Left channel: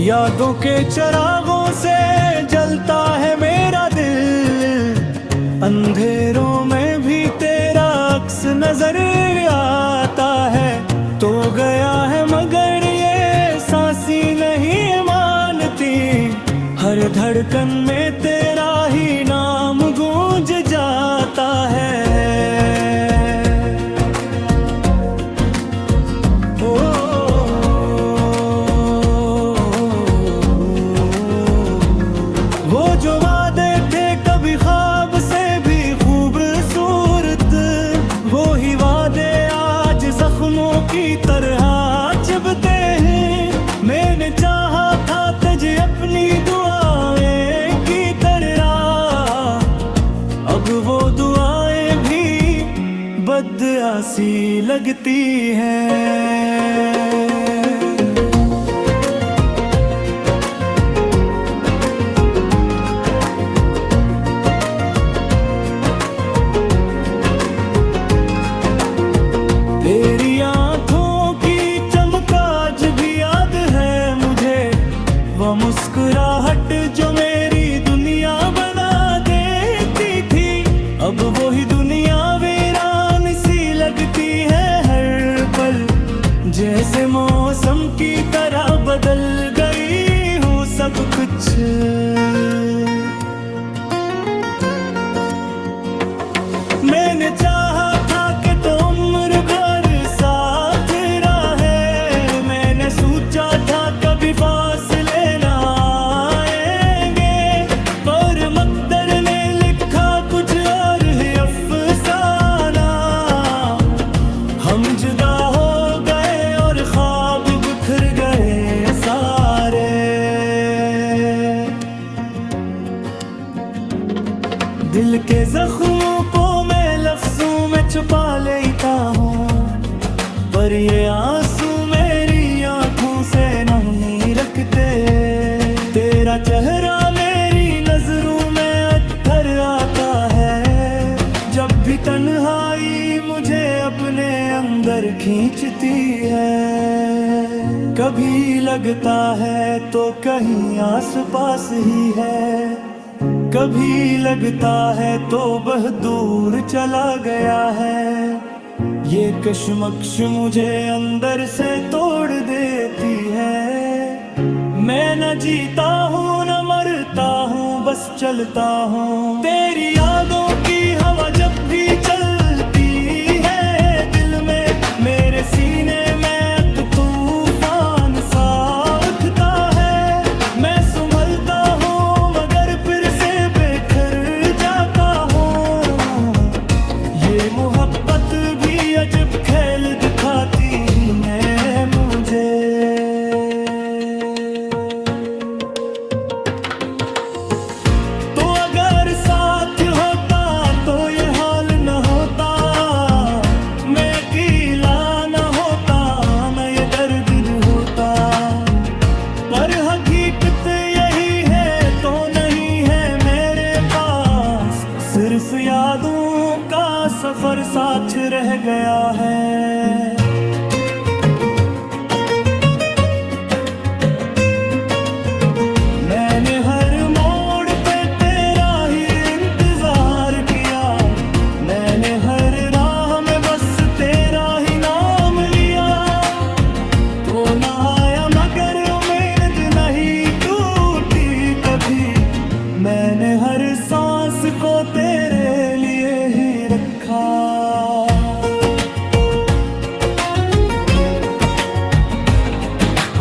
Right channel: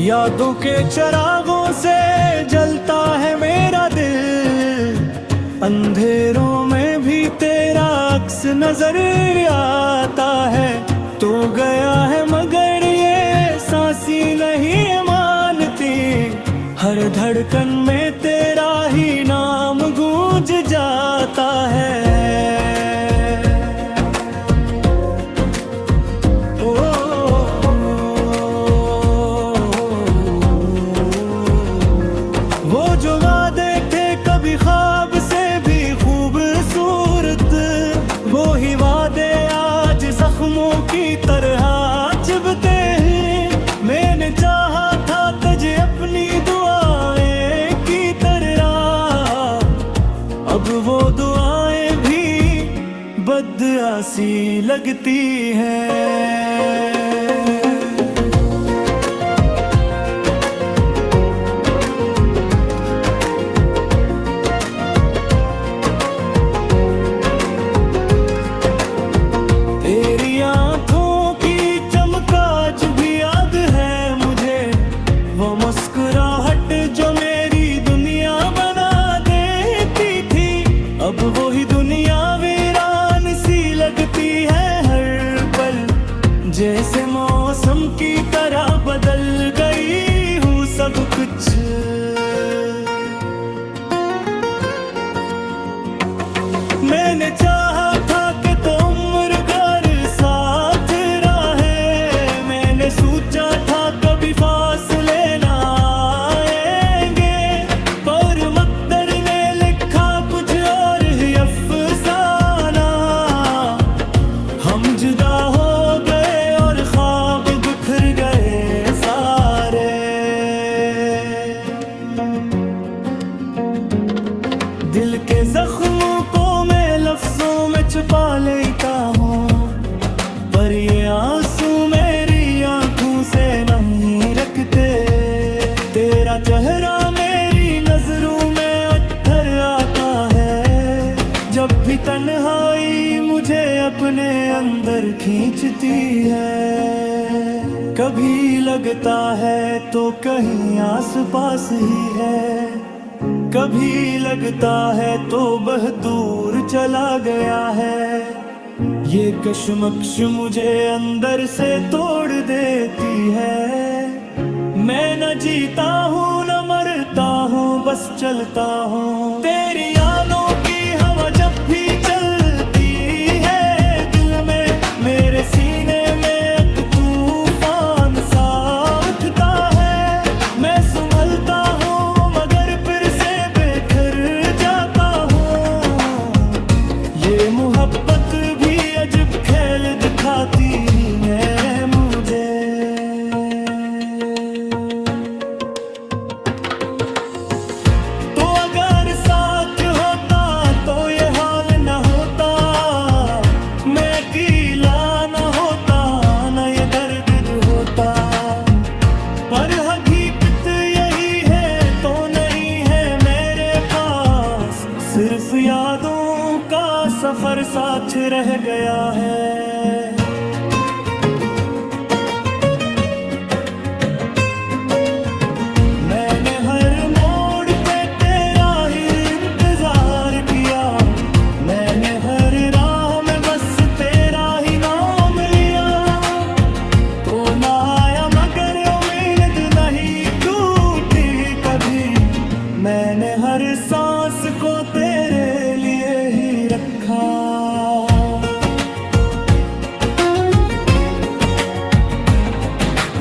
यादों के चिरागों से जलता है मेरा दिल, अंधेरों में भी तेरा अक्स नजर आता है। तो गया है मगर ये सांसी नहीं मानती, हर धड़कन में तेरा ही नाम गूंज जाता है। वो जो वादे थे कभी ख्वाब से भी खूबसूरत, वो ही वादे आज जख्मों की तरह चुभते हैं। मैंने चाहा था तुझे अपनी दुआएं की तरह, अब वो दुआएं भी बदआसी लगती हैं। तेरी आंखों की चमक आज भी याद है मुझे, वो मुस्कुराहट जो मेरी दुनिया बना देती थी। अब वही दुनिया वीरान सी लगती है हर पल, जैसे मौसम की तरह बदल गई हूँ सब कुछ। मैंने चाहा था कि तो उम्र भर साथ रहे, मैंने सोचा था कभी फासले ना आएंगे, पर मकदर ने लिखा कुछ और ही अफसाना। हम जुदा हो गए और ख्वाब बिखर गए सारे। दिल के जख्मों को मैं लफ्जों में छुपा लेता हूँ, पर ये आंसू मेरी आंखों से नहीं रखते। तेरा चेहरा मेरी नजरों में अत्थर आता है, जब भी तन्हाई मुझे अपने अंदर खींचती है। कभी लगता है तो कहीं आस पास ही है, कभी लगता है तो वह दूर चला गया है। ये कश्मकश मुझे अंदर से तोड़ देती है। मैं न जीता हूँ न मरता हूँ, बस चलता हूँ। तेरी यादों की हवा जब भी चलती है दिल में, मेरे सीने में एक तूफान सा उठता है। मैं संभलता हूँ मगर फिर से बेखर जाता हूँ। ये मोहब्बत भी अजब खेल दिखाती है मुझे। तो अगर साथ होता तो ये हाल न होता, मैं अकेला न होता, न ये दर्द होता। पर हकीकत यही है तो नहीं है मेरे पास, सिर्फ यादों का सफर साथ रह गया है। मैंने हर मोड़ पे तेरा ही इंतजार किया, मैंने हर राह में बस तेरा ही नाम लिया। तो ना आया मगर उम्मीद नहीं टूटी कभी, मैंने हर सांस को तेरे लिए ही रखा।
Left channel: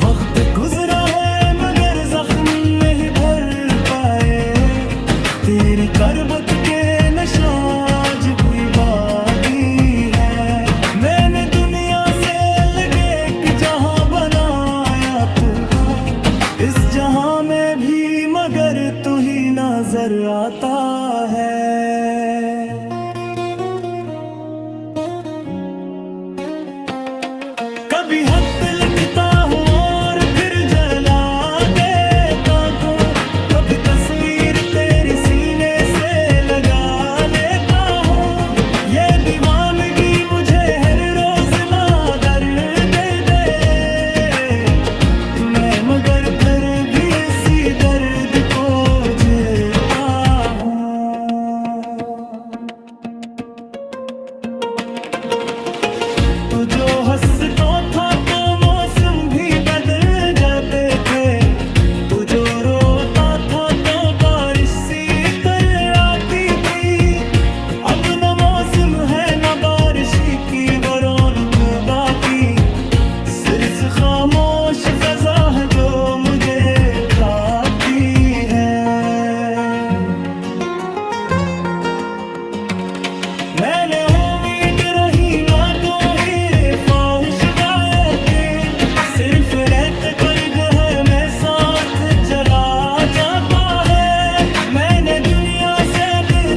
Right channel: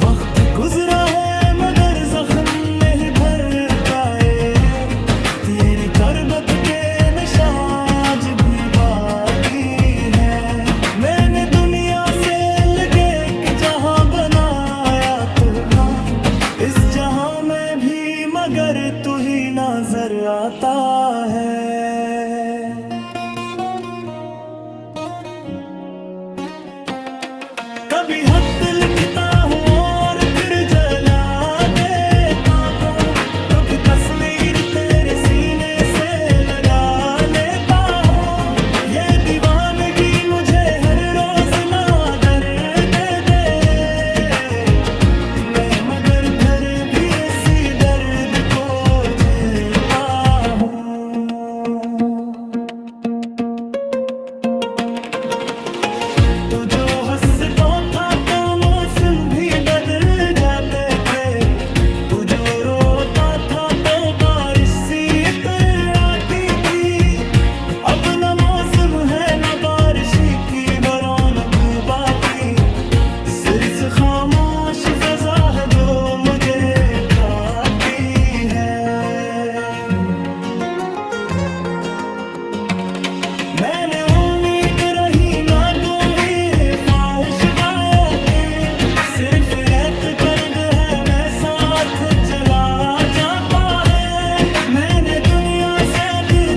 वक्त गुजरा है मगर जख्म नहीं भर पाए, तेरी करबत के निशान आज भी बाकी है। मैंने दुनिया से अलग एक जहां बनाया था, इस जहां में भी मगर तू ही नजर आता है। कभी खत लिखता हूँ और फिर जला देता हूँ, कभी तस्वीर तेरी सीने से लगा लेता हूँ। ये दीवानगी मुझे हर रोज ना दर्द दे, मैं मगर फिर हंसता था तो मौसम भी बदल जाते थे, तू जो रोता था तो बारिश सी तरह आती थी। अब न मौसम है न बारिश की वो रौनक बाकी, सिर्फ खामोश फजा है जो मुझे खाती है। मैंने उम्मीद रही ना दूंगी ख्वाहिश बातें, सिर्फ रेत कर्द है मैं साथ जला जाता है। मैंने दुनिया से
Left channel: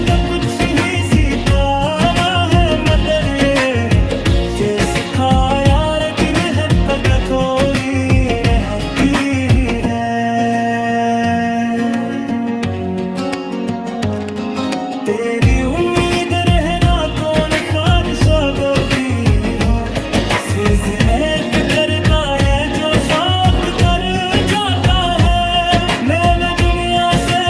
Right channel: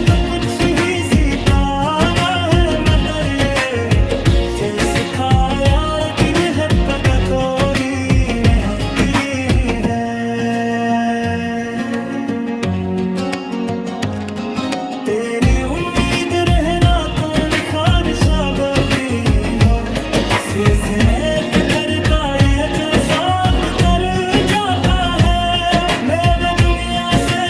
तो कुछ ही सीखा ना है, मगर ये सिखाया यार कि मेहनत थोड़ी रहती है। तेरी उम्मीद रहना कौन ख्वाहिश बदी हो, सिजनेत करता है जो साथ कर जाता है। मैंने दुनिया से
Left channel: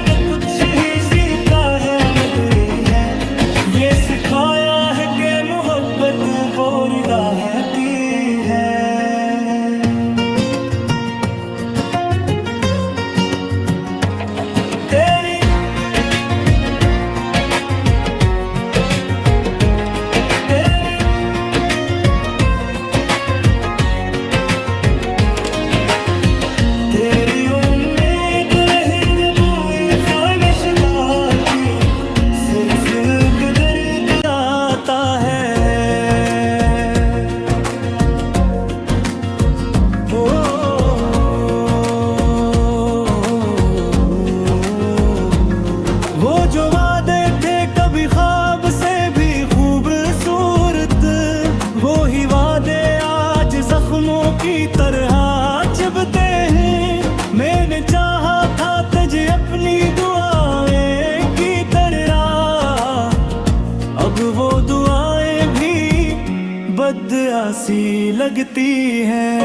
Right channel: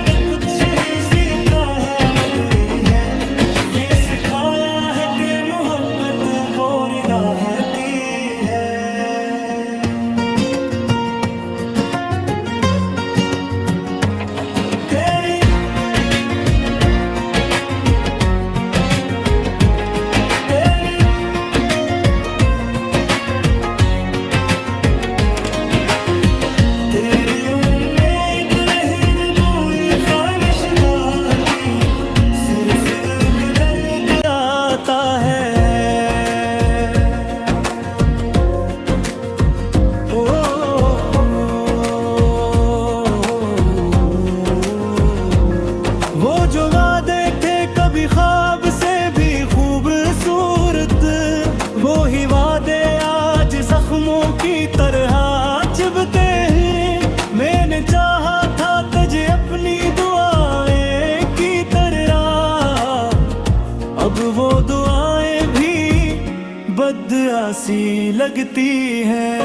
तो कुछ ही सीखा है, मगर है ये सिखाया है कि मोहब्बत बोरी रहती है। तेरी तेरी तेरी उम्मीद रही न कोई ख्वाहिशदार की, सिर्फ दर्द आता है। ओ, वो जो वादे थे कभी ख्वाब से भी खूबसूरत, वो ही वादे आज जख्मों की तरह चुभते हैं। मैंने चाहा था तुझे अपनी दुआएं की तरह, अब वो दुआएं भी बदआसी लगती हैं।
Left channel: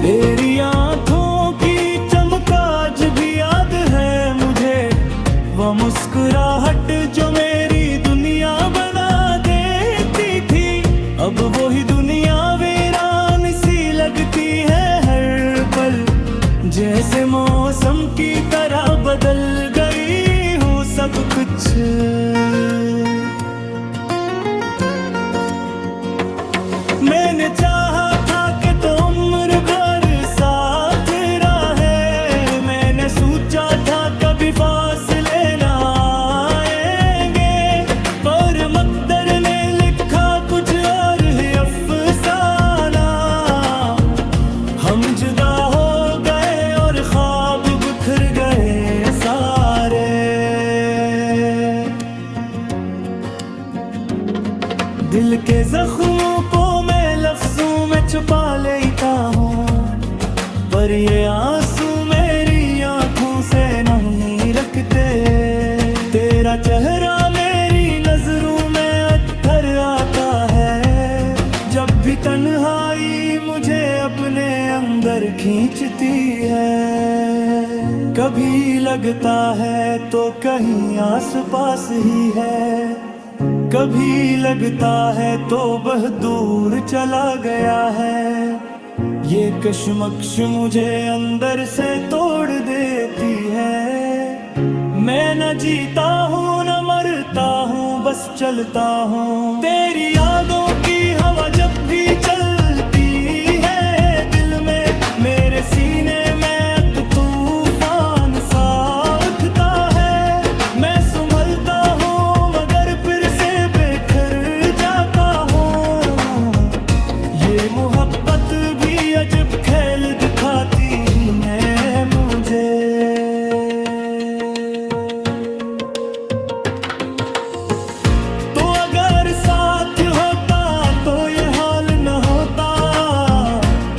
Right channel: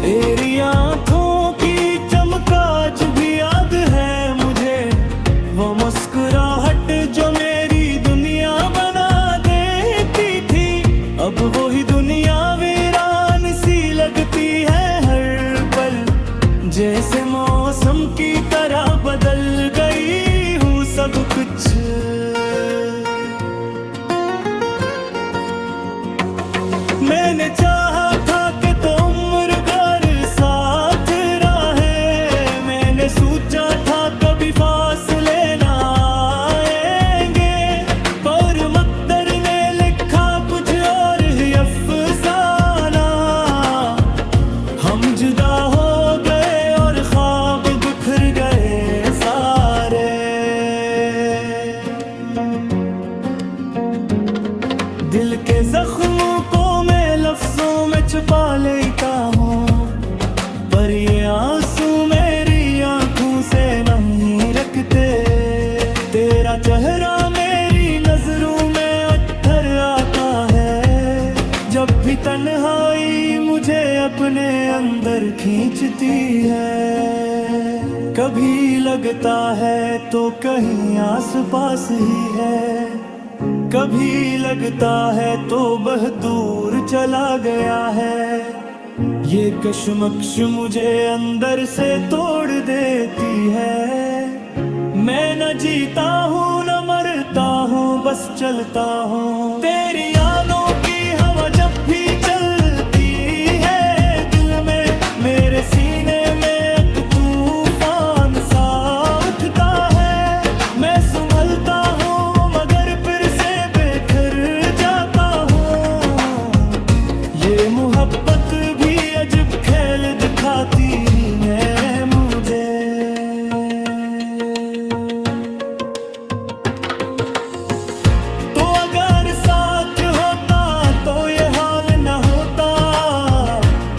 तेरी आंखों की चमक आज भी याद है मुझे, वो मुस्कुराहट जो मेरी दुनिया बना देती थी। अब वही दुनिया वीरान सी लगती है हर पल, जैसे मौसम की तरह बदल गई हूँ सब कुछ। मैंने चाहा था कि तो उम्र भर साथ रहे, मैंने सोचा था कभी फासले ना आएंगे, पर मकदर ने लिखा कुछ और ही अफसाना। हम जुदा हो गए और ख्वाब बिखर गए सारे। दिल के जख्मों को मैं लफ्जों में छुपा लेता हूँ, पर ये आंसू मेरी आंखों से नहीं रखते। तेरा चेहरा मेरी नजरों में अत्थर आता है, जब भी तन्हाई मुझे अपने अंदर खींचती है। कभी लगता है तो कहीं आस पास ही है, कभी लगता है तो वह दूर चला गया है। ये कशमकश मुझे अंदर से तोड़ देती है। मैं न जीता हूँ न मरता हूँ, बस चलता हूँ। तेरी यादों की हवा जब भी चलती है दिल में, मेरे सीने में एक तूफान सा उठता है। मैं संभलता हूँ मगर फिर से बेखर जाता हूँ। ये मोहब्बत भी अजब खेल दिखाती है मुझे। तो अगर साथ होता तो ये हाल न होता,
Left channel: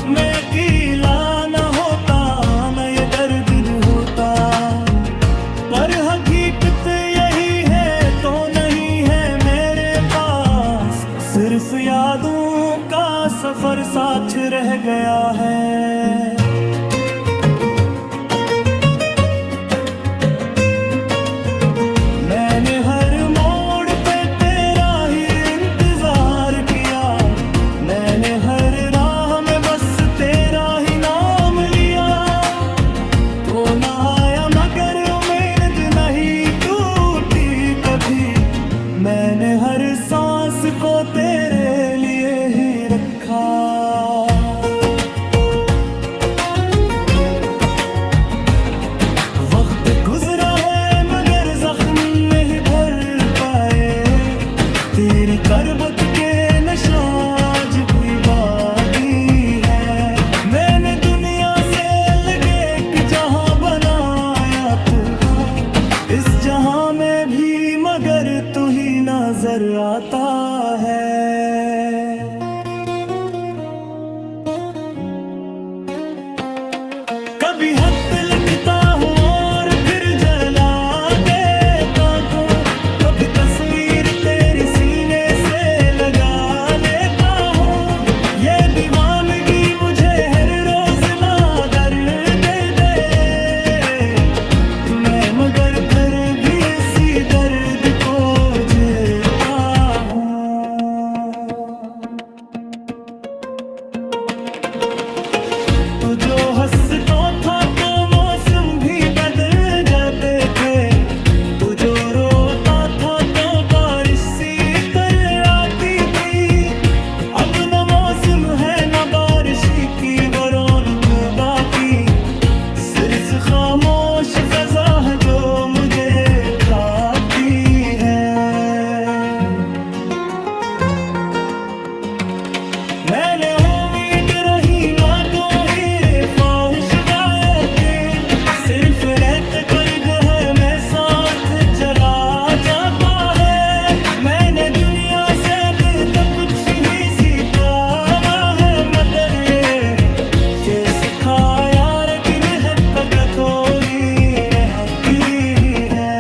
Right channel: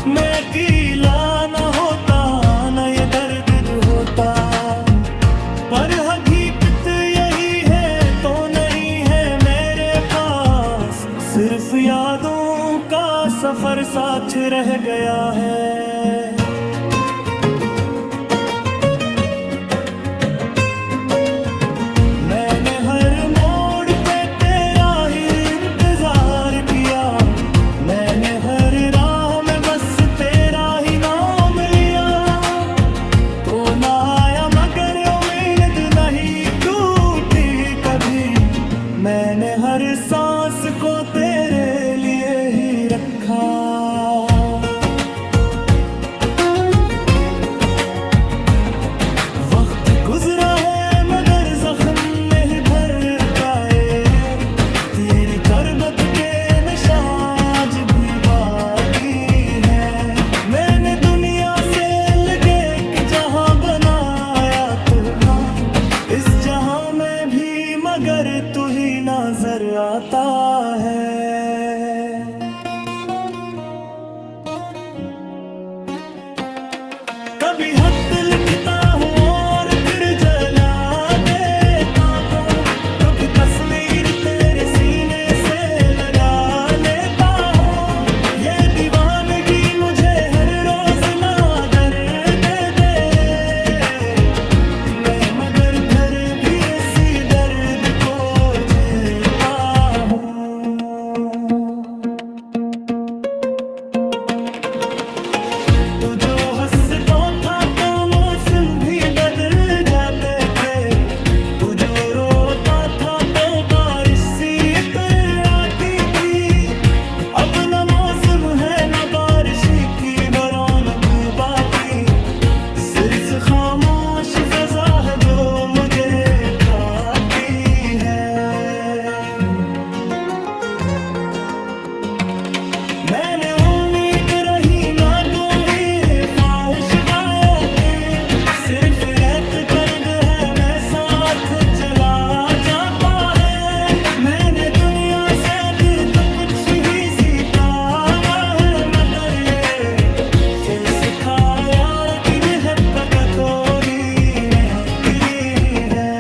मैं अकेला न होता, न सिर्फ यादों का सफर साथ रह गया है। मैंने हर मोड़ पे तेरा ही इंतजार किया, मैंने हर राह में बस तेरा ही नाम लिया। तो ना आया मगर उम्मीद नहीं टूटी कभी, मैंने हर सांस को तेरे लिए ही रखा। वक्त गुजरा है मगर जख्म नहीं भर पाए, तेरी करबत के निशान भी बाकी है। मैंने दुनिया से लगे एक जहां बनाया था, इस जहां में भी मगर तू ही नजर आता है। कभी खत लिखता हूँ और फिर जला देता हूँ, कभी तस्वीर तेरी सीने से लगा लेता हूँ। ये दीवानगी मुझे हर रोज ना दर्द दे, मैं मगर फिर भी इसी दर्द को झेलता हूँ। तो जो हंसता था तो मौसम भी बदल जाते थे, तू जो रोता था तो बारिश सी तरह आती थी। अब न मौसम है न बारिश की वो रौनक बाकी, सिर्फ खामोश फजा है जो मुझे खाती है। मैंने उम्मीद रही ना गोही ख्वाहिश गायते, सिर्फ रहत कर्द है मैं साथ जला जाता है। मैंने दुनिया से तो कुछ ही सीखा है मगर ये सिखाया कि मेहर पग थोड़ी रहती है।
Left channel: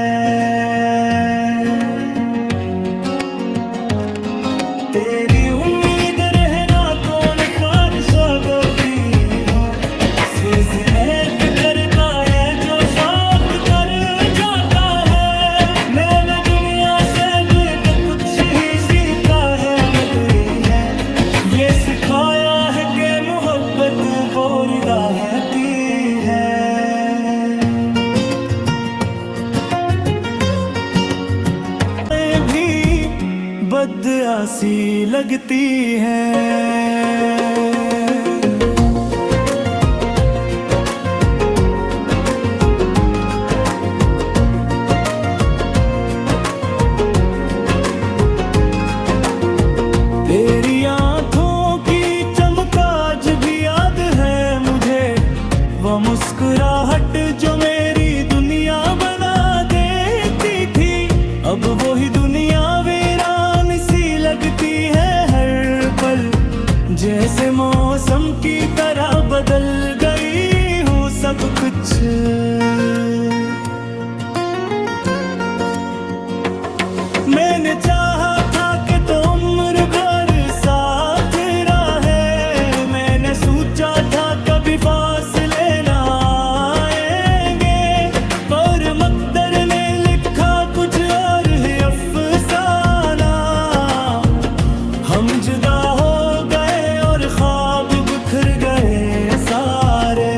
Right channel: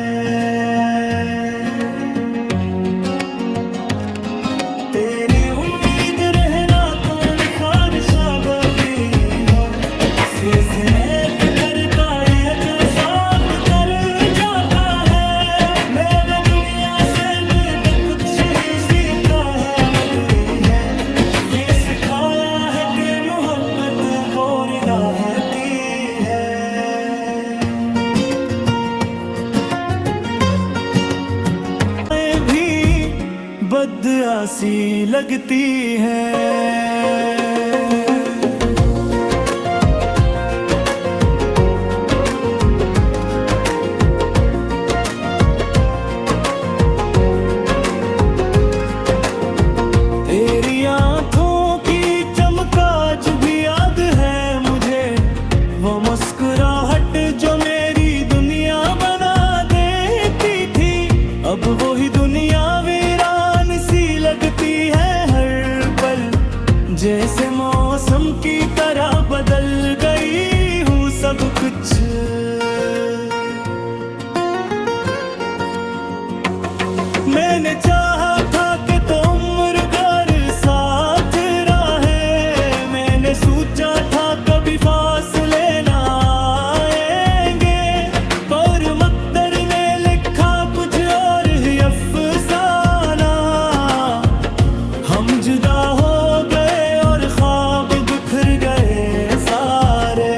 तेरी उम्मीद रहना कौन ख्वाहिश भी हो, सिजनेत करता है जो साथ कर जाता है। मैंने दुनिया से तो कुछ ही सीखा है मगर है ये सिखाया है कि मोहब्बत बोरिगा रहती है। भी बदआसी लगती है। तेरी आंखों की चमकाज भी याद है मुझे, वो मुस्कुराहट जो मेरी दुनिया बना देती थी। अब वही दुनिया वीरान सी लगती है हर पल, जैसे मौसम की तरह बदल गई हूँ सब कुछ। मैंने चाहा था कि तो उम्र भर साथ रहे, मैंने सोचा था कभी फासले ना आएंगे, पर मकदर ने लिखा कुछ और ही अफसाना। हम जुदा हो गए और ख्वाब बिखर गए सारे।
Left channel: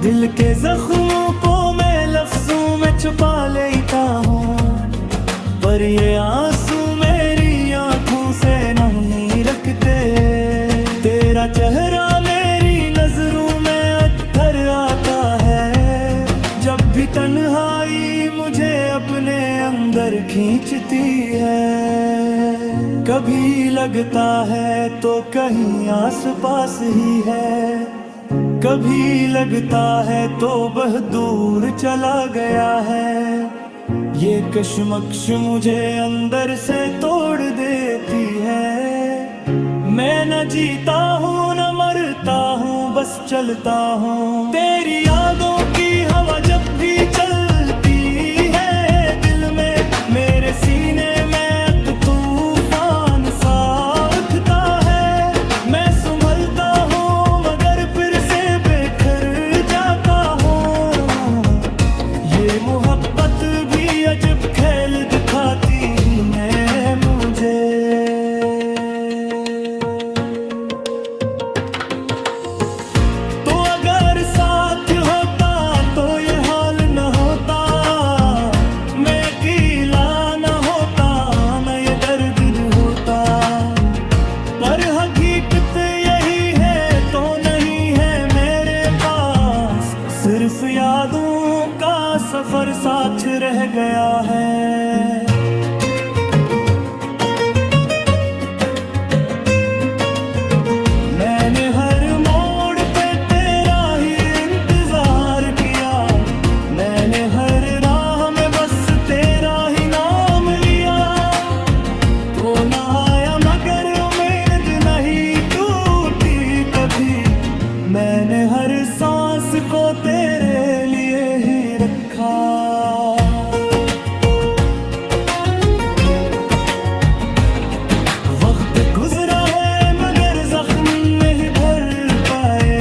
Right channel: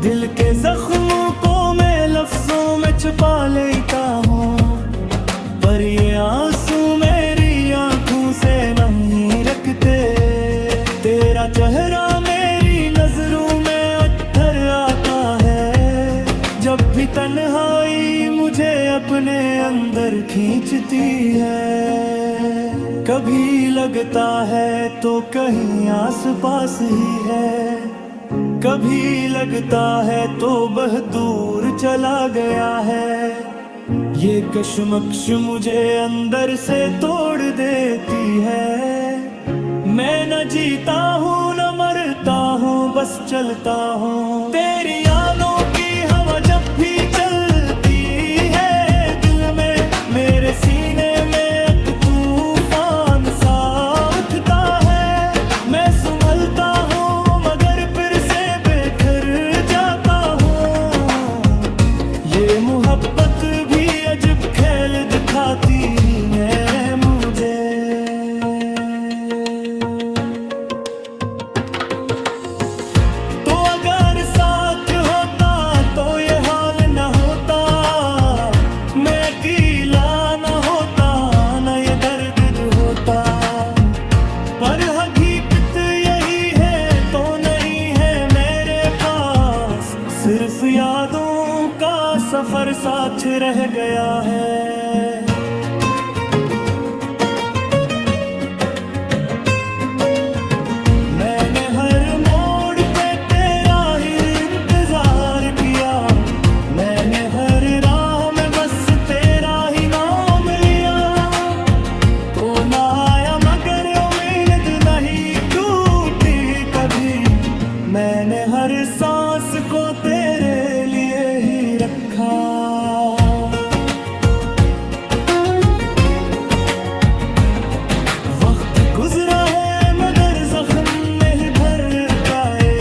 दिल के जख्मों को मैं लफ्जों में छुपा लेता हूँ, पर ये आंसू मेरी आंखों से नहीं रखते। तेरा चेहरा मेरी नजरों में अत्थर आता है, जब भी तन्हाई मुझे अपने अंदर खींचती है। कभी लगता है तो कहीं आस पास ही है, कभी लगता है तो बहुत दूर चला गया है। ये कशमकश मुझे अंदर से तोड़ देती है। मैं न जीता हूँ न मरता हूँ, बस चलता हूँ। तेरी यादों की हवा जब भी चलती है दिल में दिखाती है मुझे। तो अगर साथ होता तो ये हाल न होता, मैं अकेला न होता, न ये दर्द होता। पर हकीकत यही है तो नहीं है मेरे पास, सिर्फ यादों का सफर साथ रह गया है। मैंने हर मोड़ पे तेरा ही इंतजार किया, मैंने हर राह में बस तेरा ही नाम लिया। तो ना आया मगर उम्मीद नहीं टूटी कभी, मैंने हर सांस को तेरे लिए ही रखा। वक्त गुजरा है मगर जख्म नहीं भर पाए,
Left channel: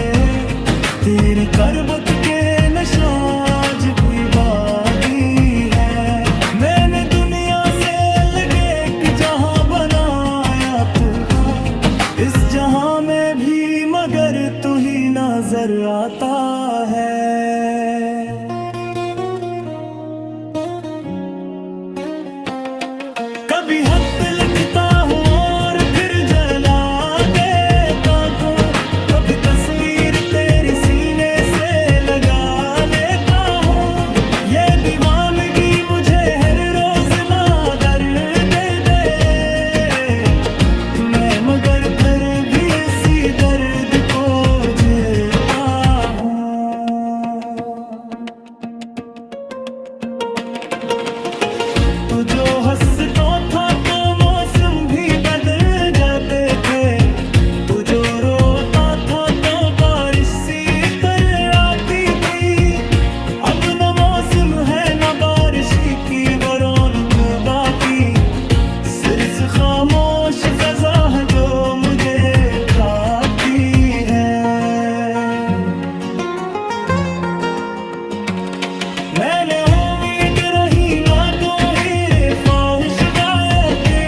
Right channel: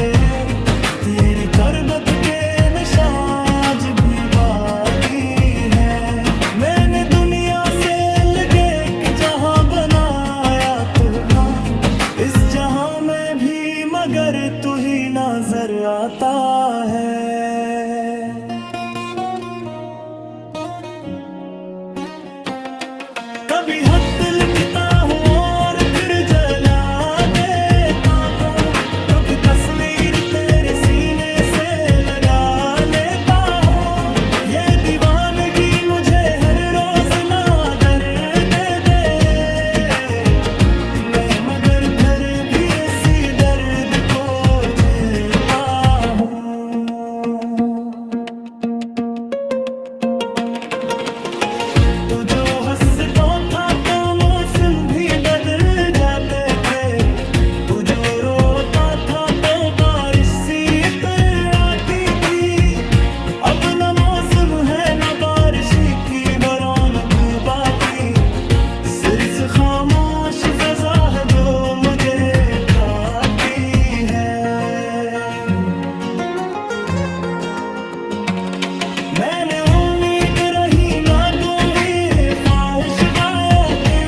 तेरी करबत के निशान आज भी बाकी है। मैंने दुनिया से अलग एक जहां बनाया था, इस जहां में भी मगर तू ही नजर आता है। कभी खत लिखता हूँ और फिर जला देता हूँ, कभी तस्वीर तेरी सीने से लगा लेता हूँ। ये दीवानगी मुझे हर रोज ना दर्द दे, मैं मगर फिर भी इसी दर्द को जीता हूँ। तू जो हंसता था तो मौसम भी बदल जाते थे, तू जो रोता था तो बारिश सी तरह आती थी। अब न मौसम है न बारिश की वो रौनक बाकी, सिर्फ खामोश फजा है जो मुझे खाती है। मैंने उम्मीद रही ना गोहीर ख्वाहिश गायके,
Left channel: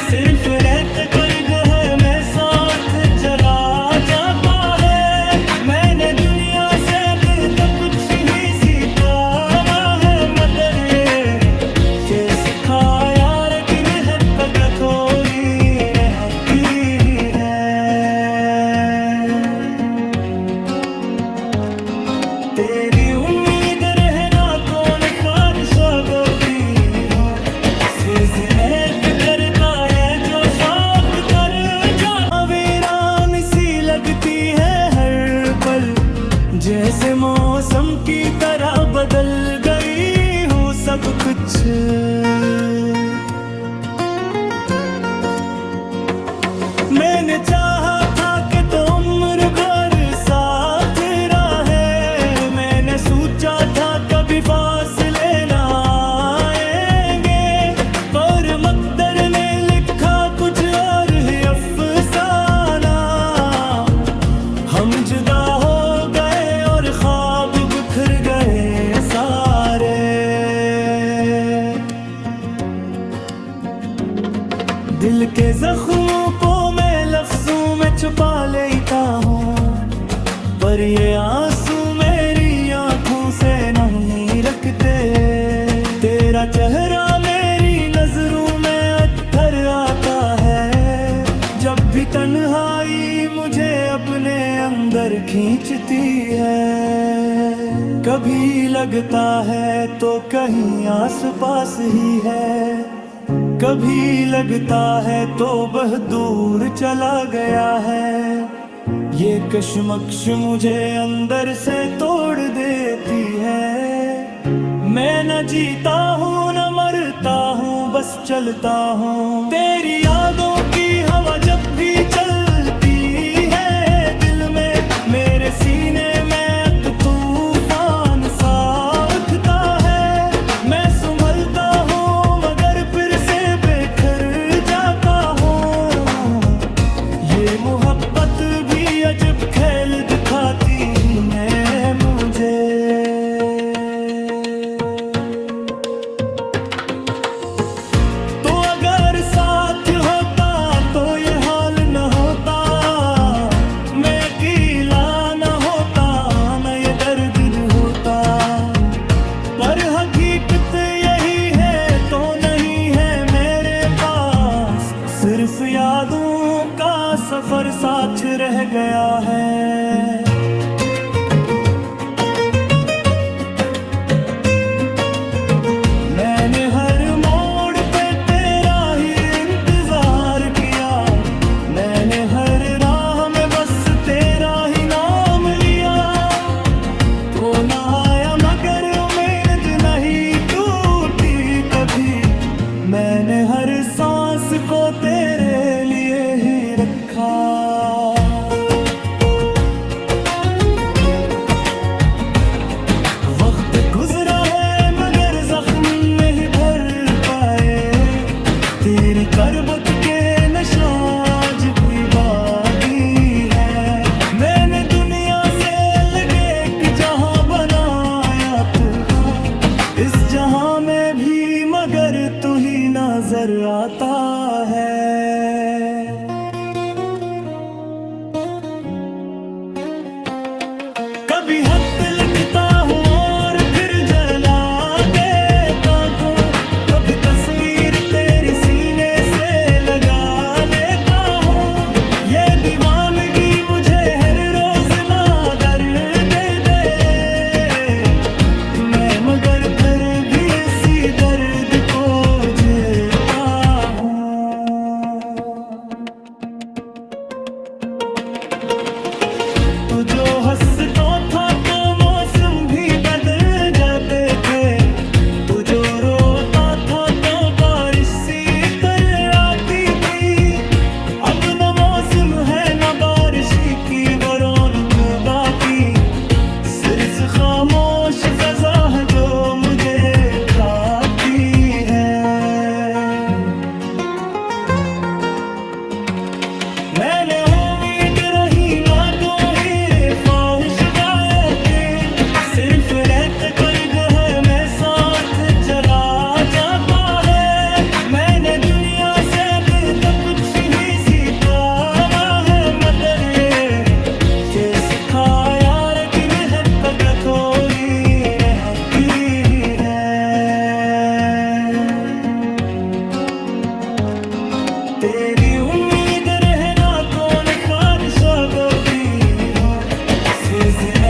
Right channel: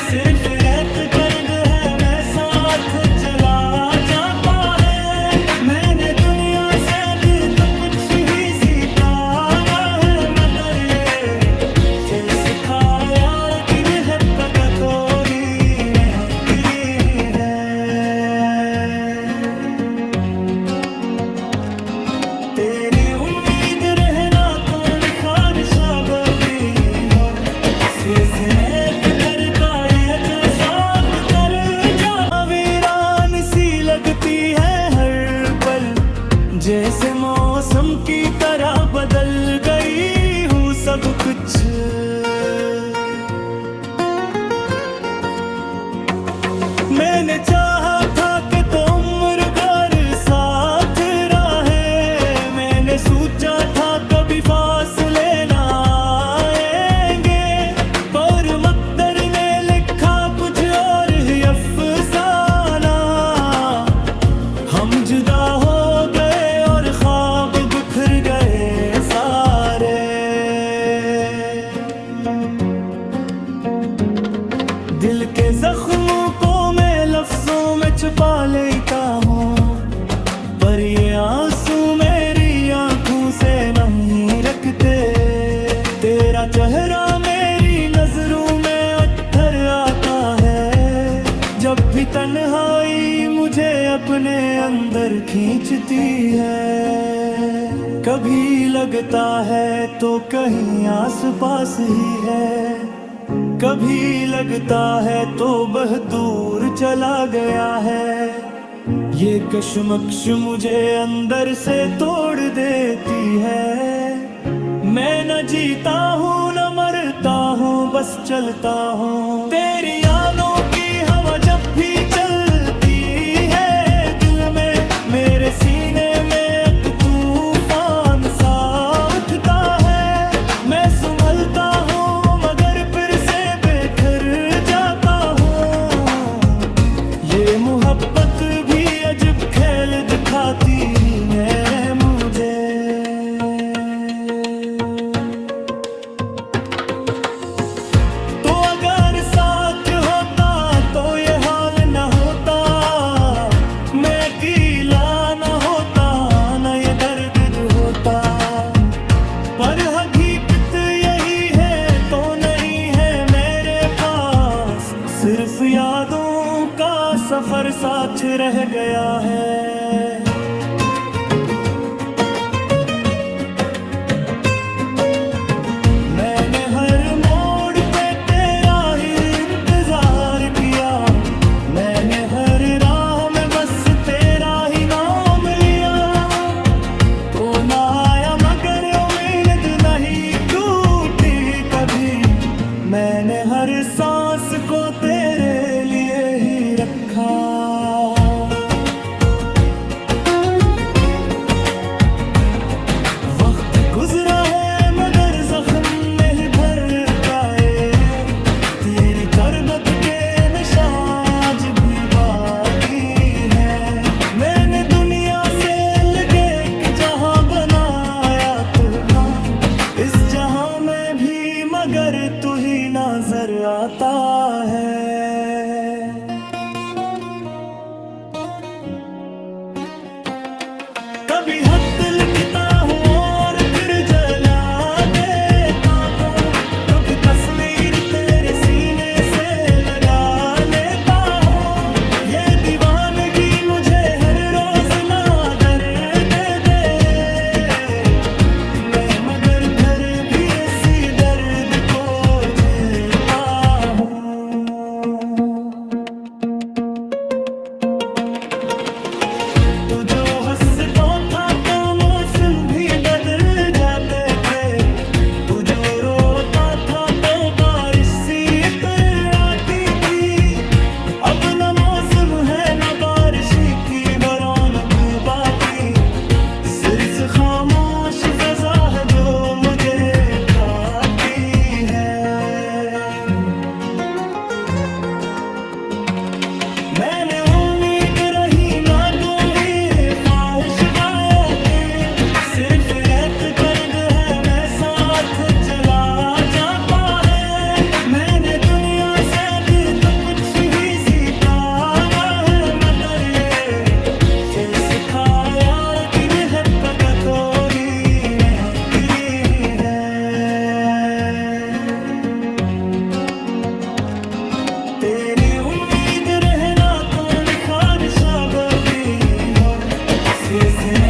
सिर्फ रहत कर्ग है मैं साथ जला जाता है। मैंने दुनिया से तो कुछ ही सीखा ना है, मगर ये सिखा यार की महबत थोड़ी रहती है। तेरी उम्मीद रहना कौन ख्वाहिशा बदी हो, सिजनेब करता है जो साथ कर जाता। वीरान सी लगती है हर पल, जैसे मौसम की तरह बदल गई हूँ सब कुछ। मैंने चाहा था कि तो उम्र भर साथ रहे, मैंने सोचा था कभी फासले ना आएंगे, पर मकदर ने लिखा कुछ और ही अफसाना। हम जुदा हो गए और ख्वाब बिखर गए सारे। दिल के जख्मों को मैं लफ्जों में छुपा लेता हूँ, पर ये आंसू मेरी आंखों से नहीं रखते। तेरा चेहरा मेरी नजरों में अत्थर आता है, जब भी तन्हाई मुझे अपने अंदर खींचती है। कभी लगता है तो कहीं आस पास ही है, कभी लगता है तो बहुत दूर चला गया है। ये कशमकश मुझे अंदर से तोड़ देती है। मैं न जीता हूँ न मरता हूँ, बस चलता हूँ। तेरी यादों की हवा जब भी चलती है दिल में, मेरे सीने में एक तूफान सा उठता है। मैं संभलता हूँ मगर फिर से बेखर जाता हूँ। ये मोहब्बत भी अजब खेल दिखाती है मुझे। सिर्फ यादों का सफर साथ रह गया है। मैंने हर मोड़ पे तेरा ही इंतजार किया, मैंने हर राह में बस तेरा ही नाम लिया। तो ना आया मगर उम्मीद नहीं टूटी कभी, मैंने हर सांस को तेरे लिए ही रखा। वक्त गुजरा है मगर जख्म नहीं भर पाए, तेरी करबत के निशान भी बाकी है। मैंने दुनिया से लगे एक जहां बनाया था, इस जहां में भी मगर तू ही नजर आता है। कभी खत लिखता हूँ और फिर जला देता हूँ, कभी तस्वीर तेरी सीने से लगा लेता हूँ। ये दीवानगी मुझे हर रोज ना दर्द दे, मैं मगर फिर भी इसी दर्द को जीता हूँ। तू जो हंसता था तो मौसम भी बदल जाते थे, तू जो रोता था तो बारिश सी तरह आती थी। अब न मौसम है न बारिश की वो रौनक बाकी, सिर्फ खामोश फजा है जो मुझे खाती है। मैंने उम्मीद रही ना दो ही ख्वाहिश गायते, सिर्फ रहते कर्द है मैं साथ जला जाता है। मैंने दुनिया से दिल का कुछ ही सीखा ना है, मगर ये सिखा यार की महबत थोड़ी रहती है। तेरी उम्मीद रहना कौन ख्वाहिश भी हो, सीजन